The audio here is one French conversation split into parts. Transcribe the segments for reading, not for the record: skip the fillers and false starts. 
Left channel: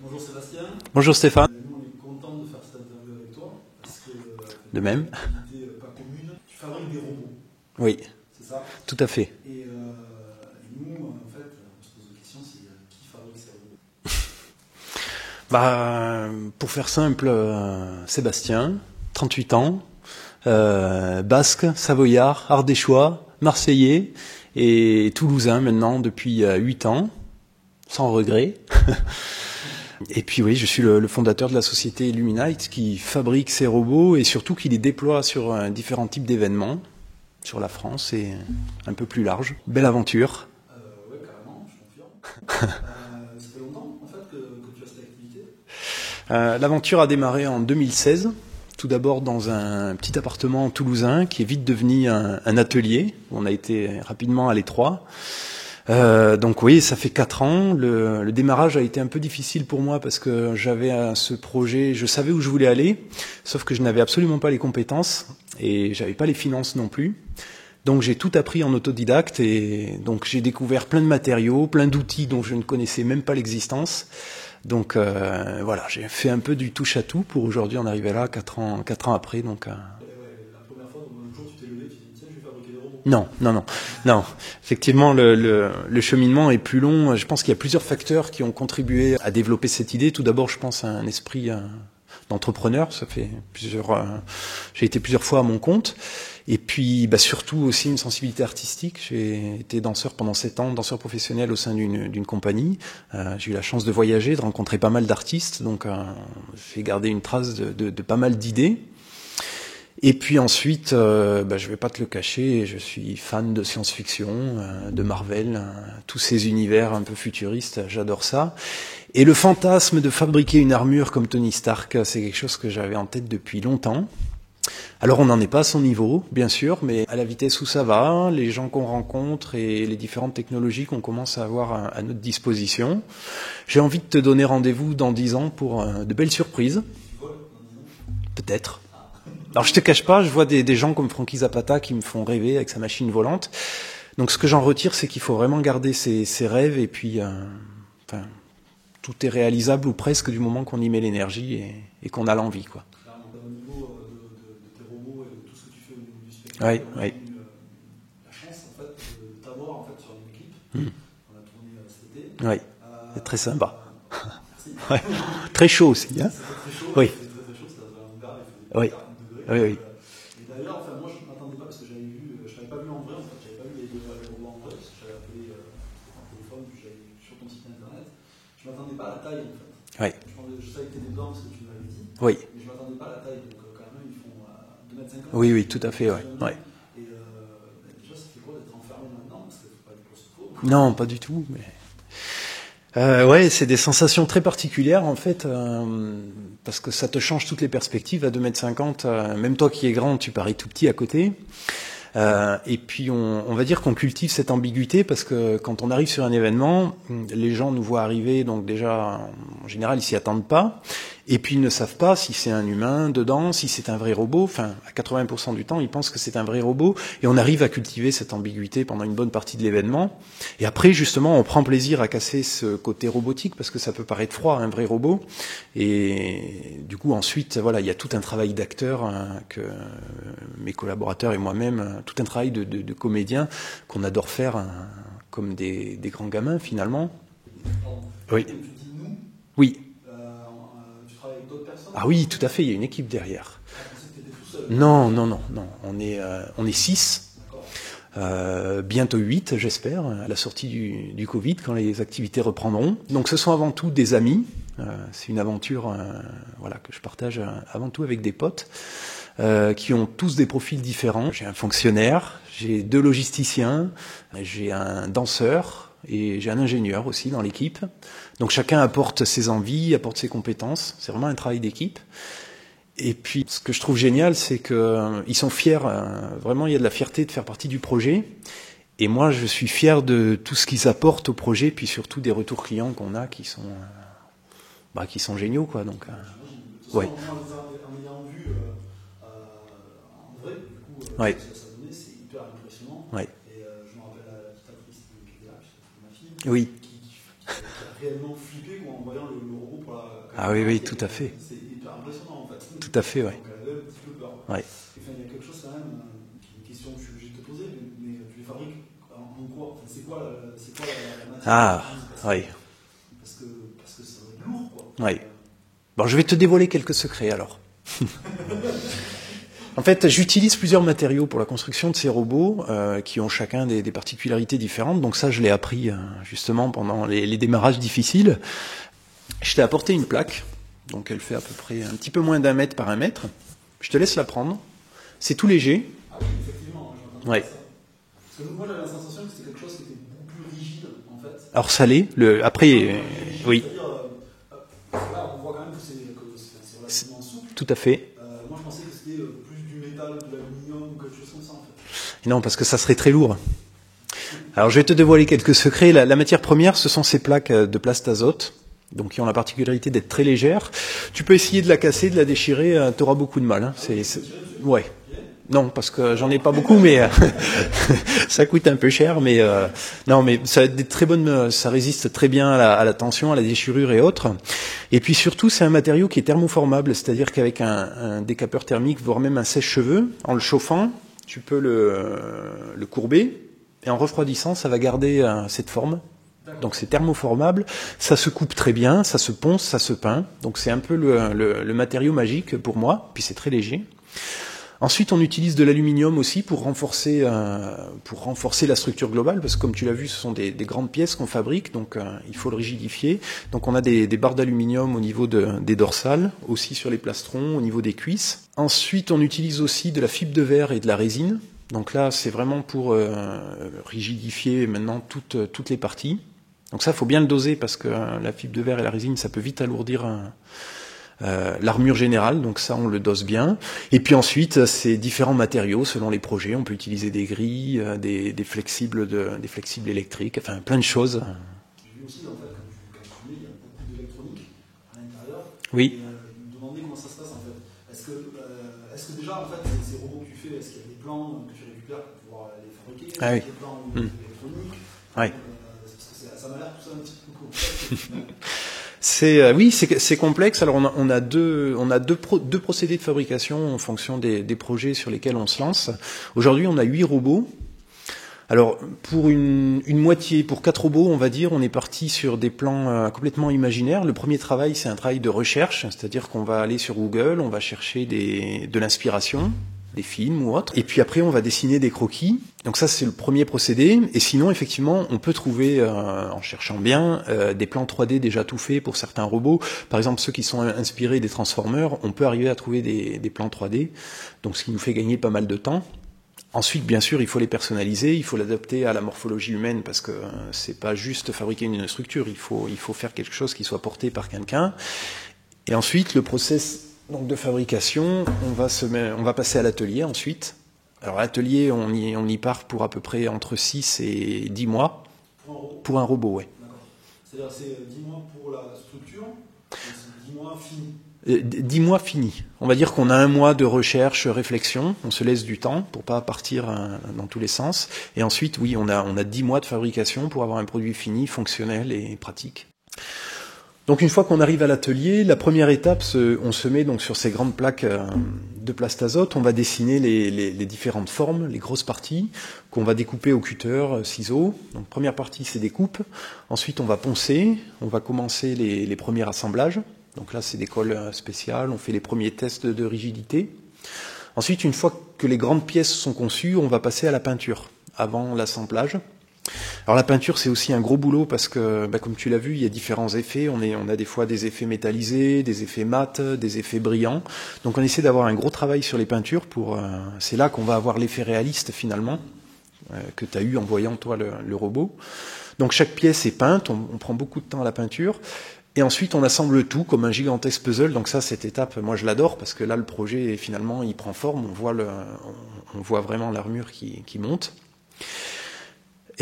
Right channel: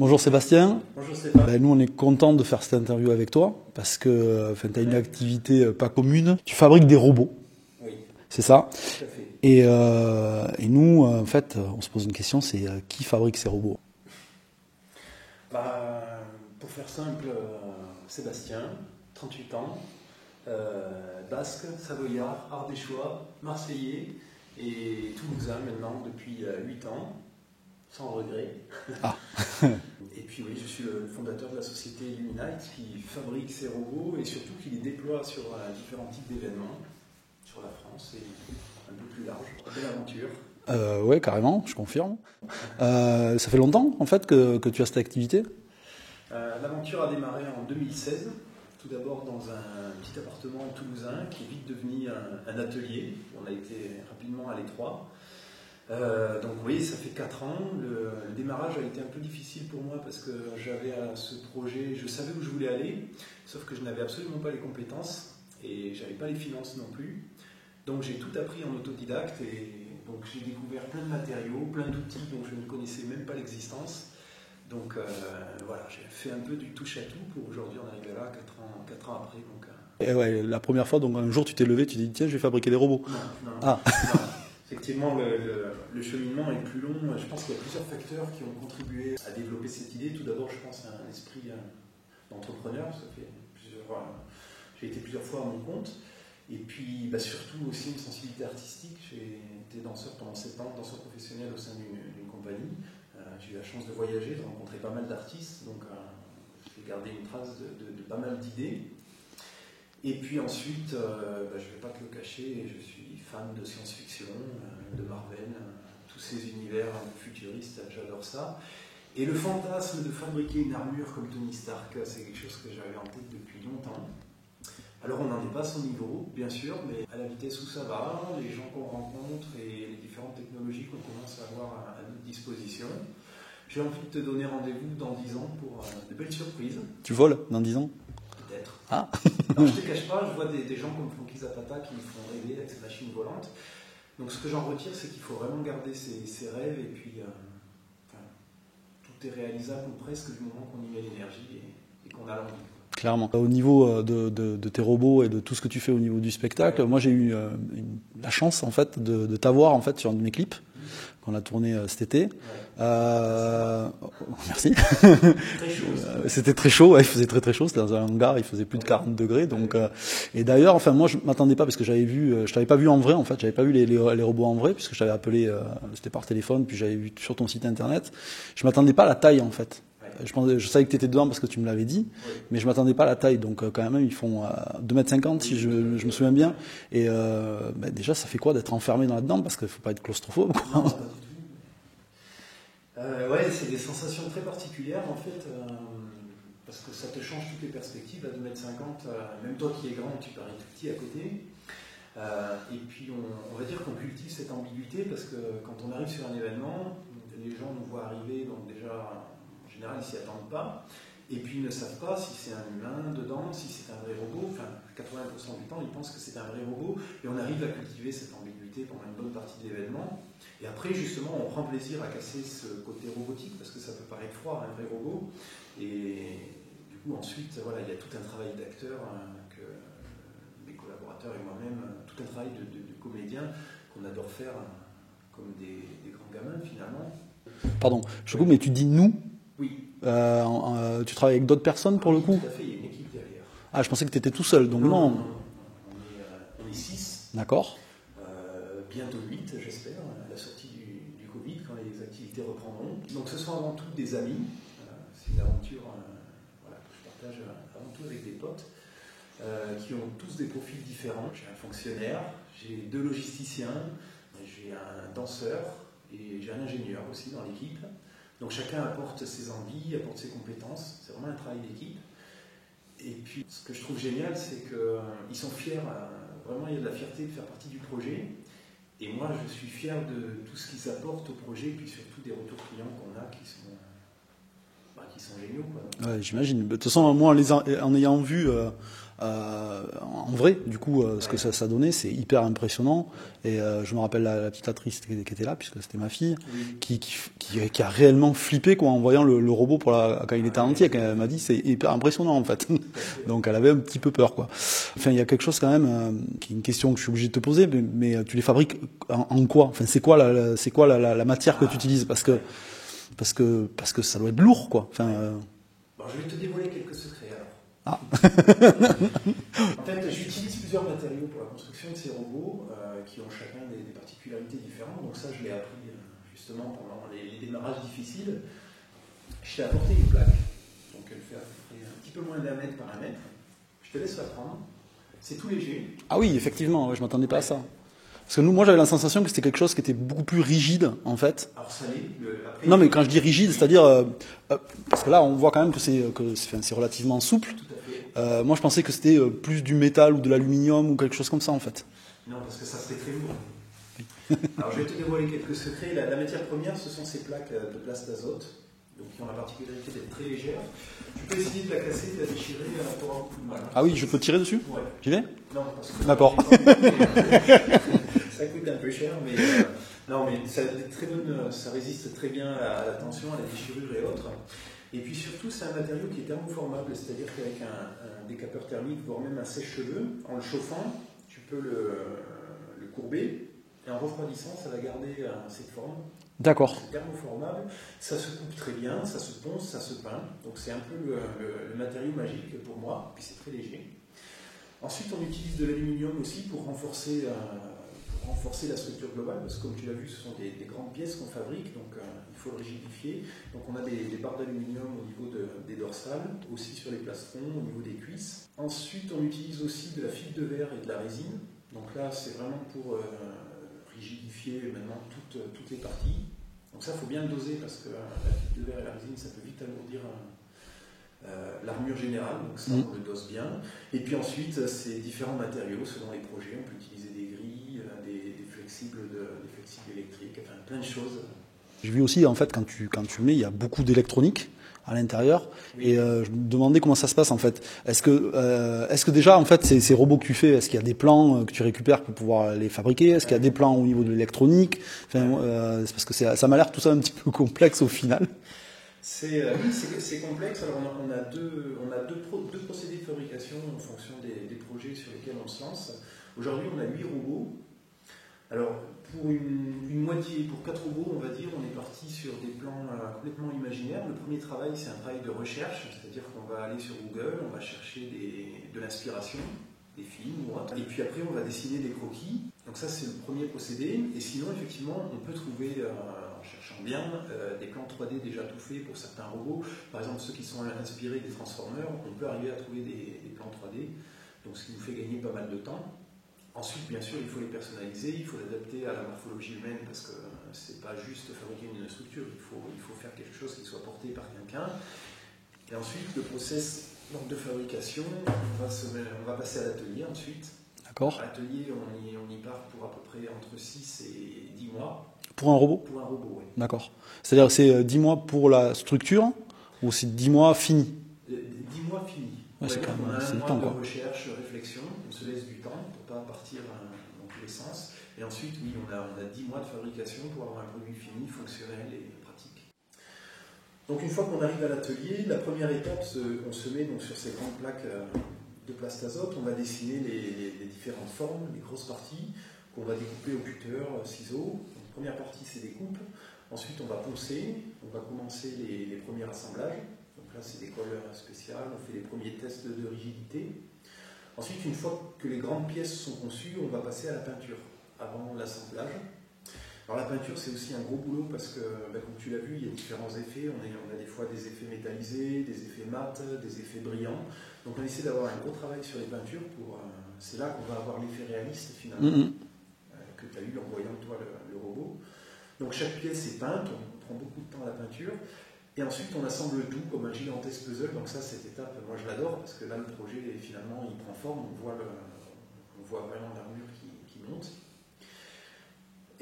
Bonjour Sébastien. Bonjour Stéphane. Nous, on est content de faire cette interview avec toi parce que tu as une même. activité pas commune. Tu fabriques des robots, Oui, c'est ça? tout à fait. Et nous, en fait, on se pose une question, c'est qui fabrique ces robots? Pour faire simple, Sébastien, 38 ans, basque, savoyard, ardéchois, marseillais et toulousain maintenant depuis 8 ans, sans regret. Et puis oui, je suis le fondateur de la société Illuminite qui fabrique ces robots et surtout qui les déploie sur différents types d'événements sur la France et un peu plus large. Belle aventure. Oui, carrément, je confirme. Ça fait longtemps, en fait, que tu as cette activité? L'aventure a démarré en 2016, tout d'abord dans un petit appartement toulousain qui est vite devenu un atelier. On a été rapidement à l'étroit. Donc oui, ça fait 4 ans. Le démarrage a été un peu difficile pour moi parce que j'avais ce projet, je savais où je voulais aller, sauf que je n'avais absolument pas les compétences et j'avais pas les finances non plus. Donc j'ai tout appris en autodidacte et donc j'ai découvert plein de matériaux, plein d'outils dont je ne connaissais même pas l'existence. Donc voilà, j'ai fait un peu du touche à tout pour aujourd'hui en arriver là 4 ans après. Donc, Et ouais, la première fois, donc un jour tu t'es levé, tu t'es dit tiens, je vais fabriquer des robots. Non. Non. Effectivement, le cheminement est plus long. Je pense qu'il y a plusieurs facteurs qui ont contribué à développer cette idée. Tout d'abord, je pense à un esprit d'entrepreneur. Ça fait j'ai été plusieurs fois à mon compte. Et puis surtout aussi une sensibilité artistique. J'ai été danseur pendant 7 ans, danseur professionnel au sein d'une compagnie. J'ai eu la chance de voyager, de rencontrer pas mal d'artistes, donc j'ai gardé une trace de pas mal d'idées. Et puis ensuite, je vais pas te le cacher, je suis fan de science-fiction, de Marvel, tous ces univers un peu futuristes, j'adore ça. Et le fantasme de fabriquer une armure comme Tony Stark, c'est quelque chose que j'avais en tête depuis longtemps. Alors on n'en est pas à son niveau, bien sûr, mais à la vitesse où ça va, les gens qu'on rencontre et les différentes technologies qu'on commence à avoir à notre disposition, j'ai envie de te donner rendez-vous dans 10 ans pour de belles surprises. Tu voles dans 10 ans? Peut-être. Ah. Alors je te cache pas, je vois des gens comme Frankie Zapata qui me font rêver avec sa machine volante. Donc ce que j'en retire, c'est qu'il faut vraiment garder ses rêves et puis tout est réalisable ou presque du moment qu'on y met l'énergie et qu'on a l'envie, quoi. Clairement. Au niveau de tes robots et de tout ce que tu fais au niveau du spectacle, moi j'ai eu la chance en fait de t'avoir en fait sur un de mes clips qu'on a tourné cet été. Oui. Très sympa. Merci. Très chaud aussi. C'était très chaud. Il faisait très chaud. C'était dans un hangar. Il faisait plus de 40 degrés. Donc, et d'ailleurs, enfin moi je m'attendais pas parce que je t'avais pas vu en vrai en fait. J'avais pas vu les robots en vrai puisque je t'avais appelé. C'était par téléphone puis j'avais vu sur ton site internet. Je m'attendais pas à la taille en fait. Je savais que tu étais dedans parce que tu me l'avais dit. Oui. Mais je m'attendais pas à la taille. Donc quand même ils font 2,50 m. Oui, tout à fait. Je me souviens bien. Ouais. Et déjà ça fait quoi d'être enfermé là-dedans parce qu'il faut pas être claustrophobe. Non, pas du tout. Mais... c'est des sensations très particulières en fait, parce que ça te change toutes les perspectives. À 2,50 m, même toi qui es grand, tu parais tout petit à côté. Et puis on va dire qu'on cultive cette ambiguïté parce que quand on arrive sur un événement, les gens nous voient arriver, donc déjà en général ils s'y attendent pas. Et puis ils ne savent pas si c'est un humain dedans, si c'est un vrai robot. Enfin, à 80% du temps, ils pensent que c'est un vrai robot. Et on arrive à cultiver cette ambiguïté pendant une bonne partie de l'événement. Et après, justement, on prend plaisir à casser ce côté robotique parce que ça peut paraître froid, un vrai robot. Et du coup, ensuite, voilà, il y a tout un travail d'acteur que mes collaborateurs et moi-même, tout un travail de comédien qu'on adore faire comme des grands gamins, finalement. Pardon, mais tu dis nous? Oui. Tu travailles avec d'autres personnes? Ah oui, tout à fait, il y a une équipe derrière. Ah, je pensais que tu étais tout seul. Non. On est 6. D'accord. Bientôt 8, j'espère, à la sortie du Covid, quand les activités reprendront. Donc ce sont avant tout des amis. C'est une aventure que je partage avant tout avec des potes qui ont tous des profils différents. J'ai un fonctionnaire, j'ai 2 logisticiens, j'ai un danseur et j'ai un ingénieur aussi dans l'équipe. Donc chacun apporte ses envies, apporte ses compétences. C'est vraiment un travail d'équipe. Et puis ce que je trouve génial, c'est qu'ils sont fiers. Vraiment, il y a de la fierté de faire partie du projet. Et moi, je suis fier de tout ce qu'ils apportent au projet, puis surtout des retours clients qu'on a qui sont géniaux, quoi. Donc, j'imagine. De toute façon, moi, en ayant vu en vrai, du coup, ce que ça donnait, c'est hyper impressionnant. Ouais. Et je me rappelle la petite actrice qui était là, puisque c'était ma fille, qui a réellement flippé quoi, en voyant le robot quand il était entier. Elle m'a dit c'est hyper impressionnant en fait. Tout à fait. Ouais. Donc elle avait un petit peu peur quoi. Ouais. Enfin, il y a quelque chose quand même, qui est une question que je suis obligé de te poser, mais tu les fabriques en quoi? Enfin, c'est quoi la matière que tu utilises? Parce que ça doit être lourd quoi. Enfin, Bon, je vais te dévoiler quelques secrets alors. En fait, j'utilise plusieurs matériaux pour la construction de ces robots qui ont chacun des particularités différentes. Donc ça, je l'ai appris justement pendant les démarrages difficiles. Je t'ai apporté une plaque. Donc elle fait à peu près un petit peu moins d'1 mètre par 1 mètre. Je te laisse la prendre. C'est tout léger. Ah oui, effectivement, je m'attendais pas à ça. Parce que moi, j'avais la sensation que c'était quelque chose qui était beaucoup plus rigide, en fait. Alors, ça l'est. Après, non, mais quand je dis rigide, c'est-à-dire... parce que là, on voit quand même que c'est relativement souple. Tout à fait. Moi, je pensais que c'était plus du métal ou de l'aluminium ou quelque chose comme ça, en fait. Non, parce que ça serait très lourd. Alors, je vais te dévoiler quelques secrets. La matière première, ce sont ces plaques de plastazote. Donc, qui ont la particularité d'être très légères. Tu peux essayer de la casser, de la déchirer, tu auras beaucoup de mal. Hein. Ah oui, je peux tirer dessus? Ouais. Tu veux? Non, parce que j'en ai pas beaucoup, mais ça coûte un peu cher. Mais non, mais ça a des très bonnes, ça résiste très bien à la tension, à la déchirure et autres. Et puis surtout, c'est un matériau qui est thermoformable, c'est-à-dire qu'avec un décapeur thermique, voire même un sèche-cheveux, en le chauffant, tu peux le courber et en refroidissant, ça va garder cette forme. D'accord. Donc c'est thermoformable, ça se coupe très bien, ça se ponce, ça se peint. Donc c'est un peu le matériau magique pour moi, puis c'est très léger. Ensuite, on utilise de l'aluminium aussi pour renforcer la structure globale, parce que comme tu l'as vu, ce sont des grandes pièces qu'on fabrique, donc il faut le rigidifier. Donc on a des barres d'aluminium au niveau des dorsales, aussi sur les plastrons, au niveau des cuisses. Ensuite, on utilise aussi de la fibre de verre et de la résine. Donc là, c'est vraiment pour rigidifier maintenant toutes les parties. Donc ça, il faut bien le doser parce que la fibre de verre et la résine, ça peut vite alourdir l'armure générale. Donc ça, on le dose bien. Et puis ensuite, c'est différents matériaux selon les projets. On peut utiliser des grilles, des flexibles électriques, enfin plein de choses. J'ai vu aussi, en fait, quand tu mets, il y a beaucoup d'électronique à l'intérieur. Oui. Et je me demandais comment ça se passe en fait. Est-ce que déjà en fait ces robots que tu fais, est-ce qu'il y a des plans que tu récupères pour pouvoir les fabriquer? Est-ce qu'il y a des plans au niveau de l'électronique? Enfin, c'est parce que ça m'a l'air tout ça un petit peu complexe au final. Oui, c'est complexe. Alors on a deux procédés de fabrication en fonction des projets sur lesquels on se lance. Aujourd'hui, on a 8 robots. Alors, pour une moitié, pour 4 robots, on va dire, on est parti sur des plans complètement imaginaires. Le premier travail, c'est un travail de recherche, c'est-à-dire qu'on va aller sur Google, on va chercher de l'inspiration, des films ou autres, et puis après, on va dessiner des croquis. Donc ça, c'est le premier procédé. Et sinon, effectivement, on peut trouver, en cherchant bien, des plans 3D déjà tout faits pour certains robots. Par exemple, ceux qui sont inspirés des Transformers, on peut arriver à trouver des plans 3D, donc ce qui nous fait gagner pas mal de temps. Ensuite, bien sûr, il faut les personnaliser, il faut l'adapter à la morphologie humaine parce que c'est pas juste fabriquer une structure, il faut faire quelque chose qui soit porté par quelqu'un. Et ensuite, le process donc, de fabrication, on va passer à l'atelier ensuite. D'accord. Alors l'atelier, on y part pour à peu près entre 6 et 10 mois. Pour un robot? Pour un robot, oui. D'accord. C'est-à-dire que c'est 10 mois pour la structure ou c'est 10 mois finis? 10 mois finis. On va dire qu'on a 1 mois de recherche, réflexion. On se laisse du temps pour pas partir dans tous les sens. Et ensuite, oui, on a 10 mois de fabrication pour avoir un produit fini, fonctionnel et pratique. Donc une fois qu'on arrive à l'atelier, la première étape, on se met donc sur ces grandes plaques de plastazote. On va dessiner les différentes formes, les grosses parties qu'on va découper au cutter, ciseaux. Donc première partie, c'est des coupes. Ensuite, on va poncer. On va commencer les premiers assemblages. Donc là, c'est des colles spéciales, on fait les premiers tests de rigidité. Ensuite, une fois que les grandes pièces sont conçues, on va passer à la peinture, avant l'assemblage. Alors la peinture, c'est aussi un gros boulot parce que, comme tu l'as vu, il y a différents effets. On a des fois des effets métallisés, des effets mat, des effets brillants. Donc on essaie d'avoir un gros travail sur les peintures. C'est là qu'on va avoir l'effet réaliste finalement, que tu as eu en voyant toi le robot. Donc chaque pièce est peinte, on prend beaucoup de temps à la peinture. Et ensuite, on assemble le tout comme un gigantesque puzzle. Donc ça, cette étape, moi, je l'adore parce que là, le projet, finalement, il prend forme. On voit vraiment l'armure qui monte.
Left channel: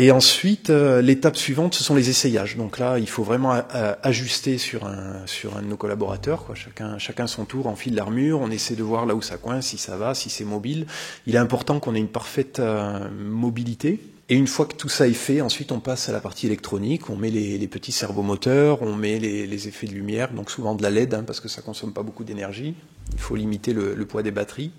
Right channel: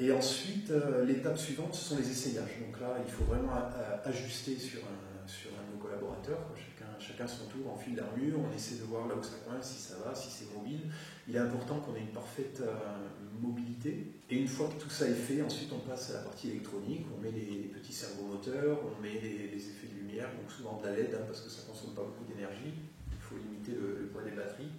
Et ensuite, l'étape suivante, ce sont les essayages. Donc là, il faut vraiment ajuster sur un de nos collaborateurs, quoi. Chacun son tour, enfile l'armure, on essaie de voir là où ça coince, si ça va, si c'est mobile. Il est important qu'on ait une parfaite mobilité. Et une fois que tout ça est fait, ensuite on passe à la partie électronique, on met les petits servomoteurs, on met les effets de lumière, donc souvent de la LED, hein, parce que ça consomme pas beaucoup d'énergie. Il faut limiter le poids des batteries.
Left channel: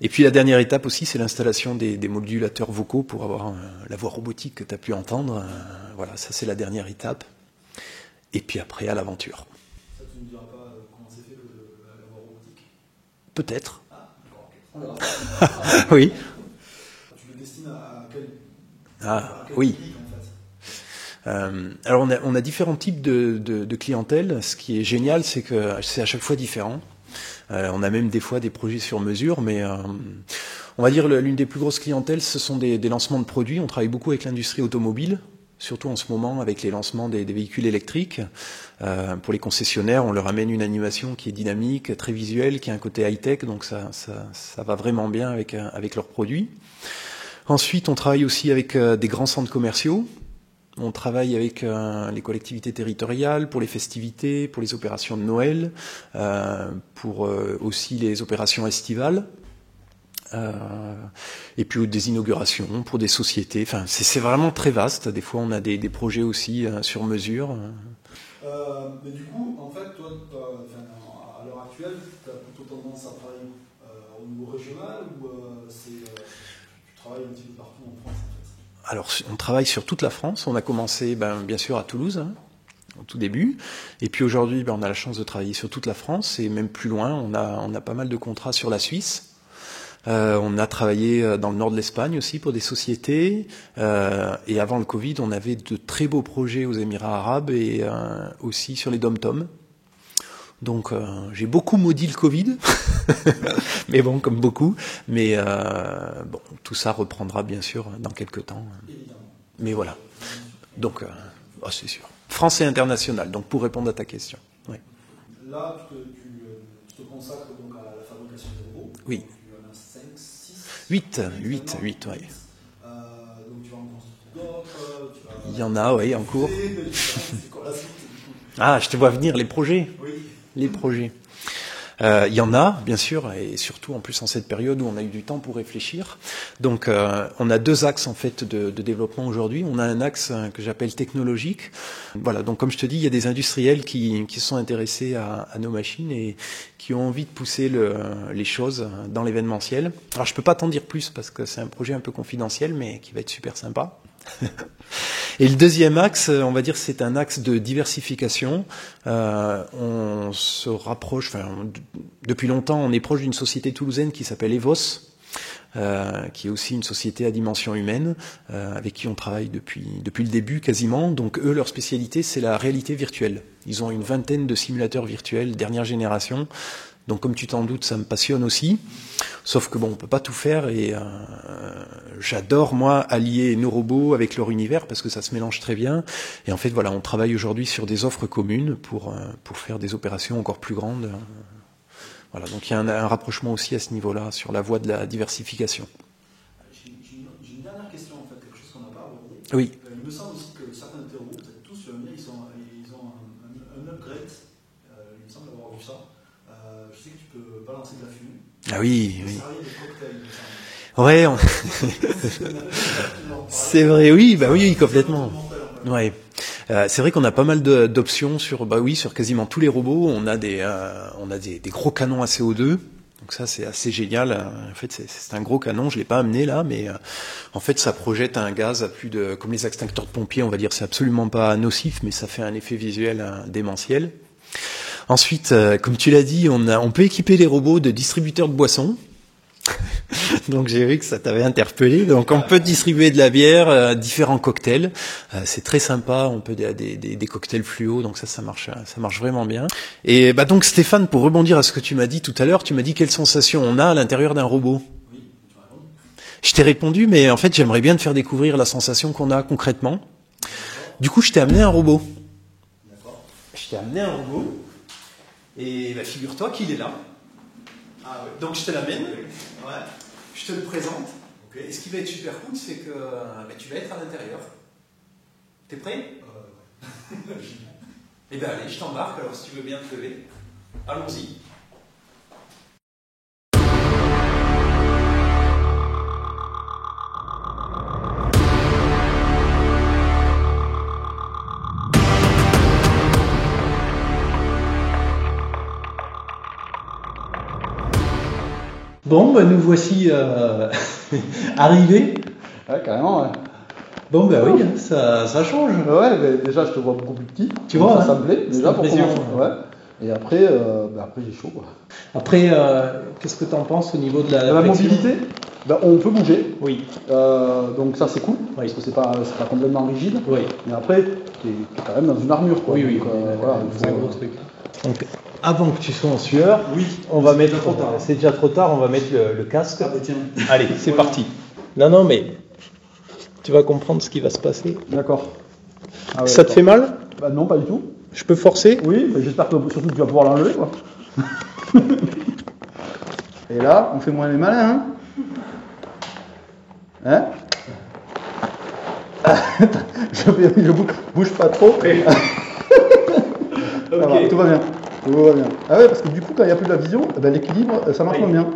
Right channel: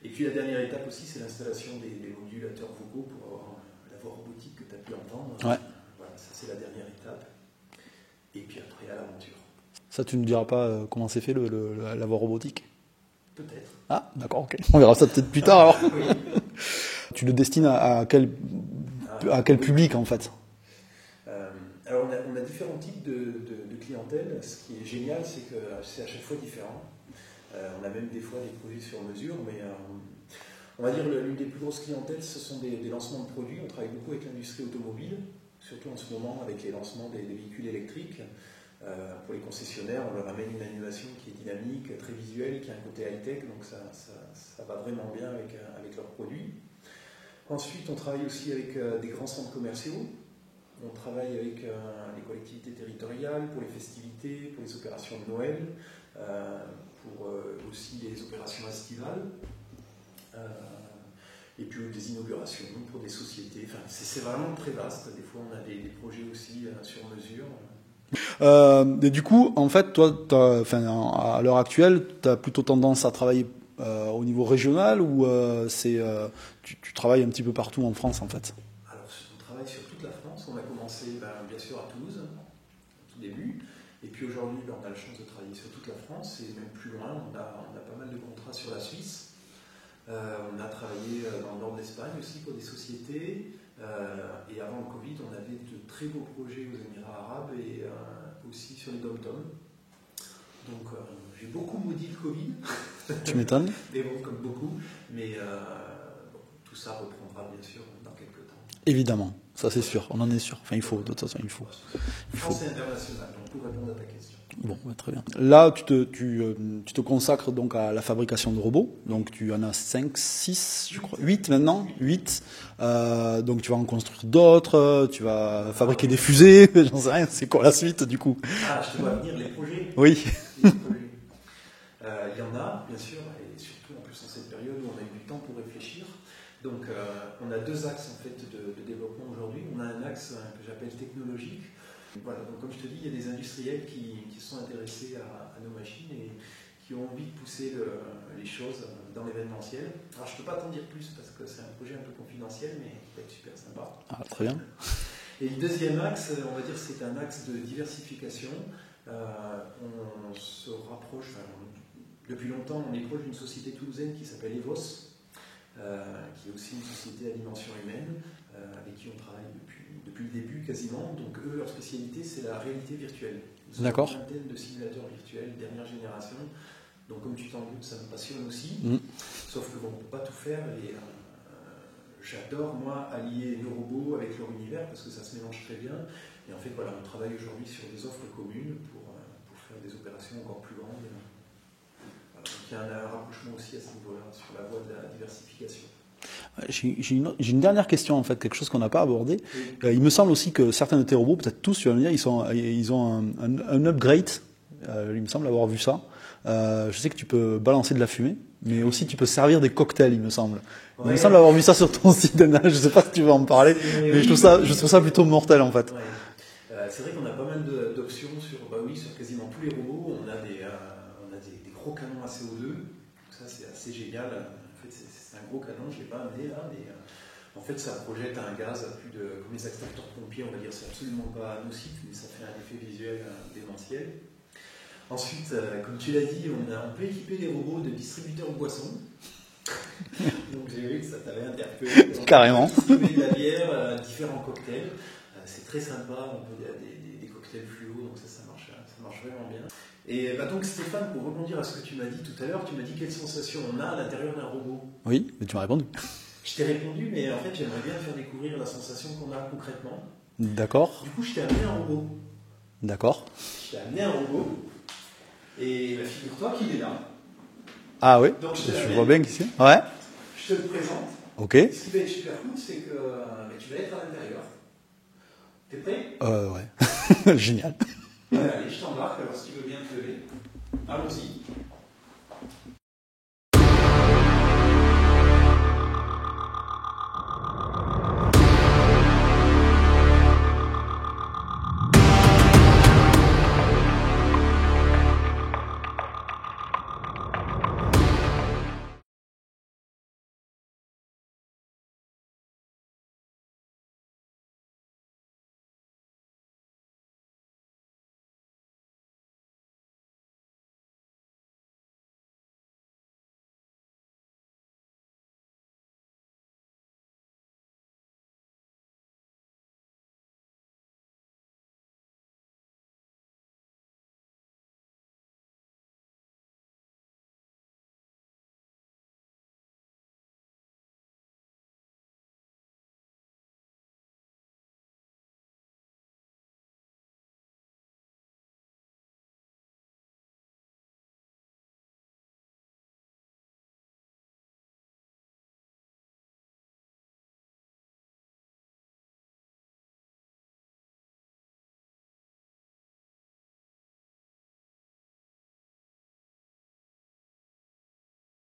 Et puis la dernière étape aussi, c'est l'installation des modulateurs vocaux pour avoir la voix robotique que tu as pu entendre. Ouais. Voilà, ça c'est la dernière étape. Et puis après, à l'aventure. Ça, tu ne diras pas comment c'est fait la voix robotique? Peut-être. Ah, d'accord, ok. On verra ça peut-être plus tard. Alors. Oui. Tu le destines à quel public en fait? Alors on a différents types de clientèle. Ce qui est génial, c'est que c'est à chaque fois différent. On a même des fois des projets sur mesure, mais on va dire l'une des plus grosses clientèles, ce sont des lancements de produits. On travaille beaucoup avec l'industrie automobile, surtout en ce moment avec les lancements des véhicules électriques. Pour les concessionnaires, on leur amène une animation qui est dynamique, très visuelle, qui a un côté high-tech, donc ça va vraiment bien avec leurs produits. Ensuite, on travaille aussi avec des grands centres commerciaux. On travaille avec les collectivités territoriales pour les festivités, pour les opérations de Noël, pour aussi les opérations estivales, et puis des inaugurations pour des sociétés. Enfin, c'est vraiment très vaste. Des fois, on a des projets aussi sur mesure. Et du coup, en fait, toi, à l'heure actuelle, tu as plutôt tendance à travailler au niveau régional ou tu travailles un petit peu partout en France, en fait? Alors, on travaille sur toute la France. On a commencé, bien sûr, à Toulouse, hein, au tout début. Et puis aujourd'hui, on a la chance de travailler sur toute la France et même plus loin. On a pas mal de contrats sur la Suisse. On a travaillé dans le nord de l'Espagne aussi pour des sociétés. Et avant le Covid, on avait de très beaux projets aux Émirats arabes et aussi sur les dom-toms. Donc j'ai beaucoup maudit le Covid, mais bon, comme beaucoup. Mais bon, tout ça reprendra bien sûr dans quelques temps. Évidemment, ça c'est voilà. sûr, on en est sûr. Enfin, il donc, faut, de toute façon, il faut. C'est sûr. France et international, donc pour répondre à ta question. Ouais, très bien. Là, tu te consacres donc à la fabrication de robots. Oui. Donc tu en as 5, 6, 8 maintenant. 8. Donc tu vas en construire d'autres, tu vas fabriquer des en fusées, j'en sais rien, c'est quoi la suite du coup? Ah, je te vois venir les projets. Oui. Les projets. Il y en a, bien sûr, et surtout en plus en cette période où on a eu du temps pour réfléchir. Donc on a deux axes en fait de développement aujourd'hui. On a un axe que j'appelle technologique. Voilà, donc comme je te dis, il y a des industriels qui se sont intéressés à nos machines et qui ont envie de pousser les choses dans l'événementiel. Alors je peux pas t'en dire plus parce que c'est un projet un peu confidentiel, mais qui va être super sympa. Ah, très bien. Et le deuxième axe, on va dire, c'est un axe de diversification. On se rapproche, depuis longtemps, on est proche d'une société toulousaine qui s'appelle EVOS, qui est aussi une société à dimension humaine, avec qui on travaille depuis le début quasiment. Donc eux, leur spécialité, c'est la réalité virtuelle. Ils ont une vingtaine de simulateurs virtuels, dernière génération. Donc comme tu t'en doutes, ça me passionne aussi. Sauf que bon, on peut pas tout faire et j'adore moi allier nos robots avec leur univers parce que ça se mélange très bien. Et en fait voilà, on travaille aujourd'hui sur des offres communes pour faire des opérations encore plus grandes. Voilà, donc il y a un rapprochement aussi à ce niveau-là sur la voie de la diversification. J'ai une dernière question en fait, quelque chose qu'on n'a pas abordé. Oui. Il me semble aussi que certains de tes robots, peut-être tous, tu vas me dire, ils ont un upgrade. Il me semble avoir vu ça. Je sais que tu peux balancer de la fumée. Ah oui. aussi, tu peux servir des cocktails, il me semble. Ouais, il me semble avoir vu ça sur ton site. Je ne sais pas si tu veux en parler. C'est vrai, oui. Je trouve ça plutôt mortel en fait. Ouais. C'est vrai qu'on a pas mal d'options sur quasiment tous les robots. On a des gros canons à CO2. Donc ça, c'est assez génial. En fait, c'est un gros canon. Je l'ai pas amené là, mais en fait, ça projette un gaz à plus de, comme les extincteurs de pompiers, on va dire, c'est absolument pas nocif, mais ça fait un effet visuel démentiel. Ensuite, comme tu l'as dit, on peut équiper les robots de distributeurs de boissons. Donc j'ai vu que ça t'avait interpellé. Donc carrément. On peut distribuer de la bière, différents cocktails. C'est très sympa. On peut des cocktails fluo. Donc ça marche vraiment bien. Et donc Stéphane, pour rebondir à ce que tu m'as dit tout à l'heure, tu m'as dit quelle sensation on a à l'intérieur d'un robot. Oui, mais tu m'as répondu. Je t'ai répondu, mais en fait j'aimerais bien te faire découvrir la sensation qu'on a concrètement. D'accord. Du coup, je t'ai amené un robot. D'accord. Je t'ai amené un robot. Et figure-toi qu'il est là. Ah oui. Donc je vois bien qu'ici. Ouais. Je te le présente. Ok. Ce qui va être super cool, c'est que tu vas être à l'intérieur. T'es prêt? Ouais. Génial. Et bien, allez, je t'embarque. Alors, si tu veux bien te lever, allons-y. Bon, bah, nous voici arrivés. Ouais, carrément, ouais. Bon, bah oui, ça change. Ouais, mais déjà, je te vois beaucoup plus petit. Tu vois, ça me plaît, déjà, pour impression. commencer. Ouais. Et après, après j'ai chaud, quoi. Après, qu'est-ce que tu en penses au niveau de la La flexion? mobilité, on peut bouger. Oui. Donc ça, c'est cool, parce que c'est pas complètement rigide. Oui. Mais après, tu es quand même dans une armure, quoi. Oui, oui. Donc, voilà, c'est un gros truc. Donc, avant que tu sois en sueur, on va mettre. C'est déjà trop tard, on va mettre le casque. Ah, bah, tiens. Allez, c'est parti. Non, mais tu vas comprendre ce qui va se passer. D'accord. Ah ouais, Ça te fait mal? Bah non, pas du tout. Je peux forcer? Oui, mais j'espère que surtout tu vas pouvoir l'enlever, quoi. Et là, on fait moins les malins, hein? Je bouge pas trop. Okay. Ça va, tout va bien. Tout va bien. Ah ouais, parce que du coup, quand il n'y a plus de la vision, l'équilibre, ça marche moins bien.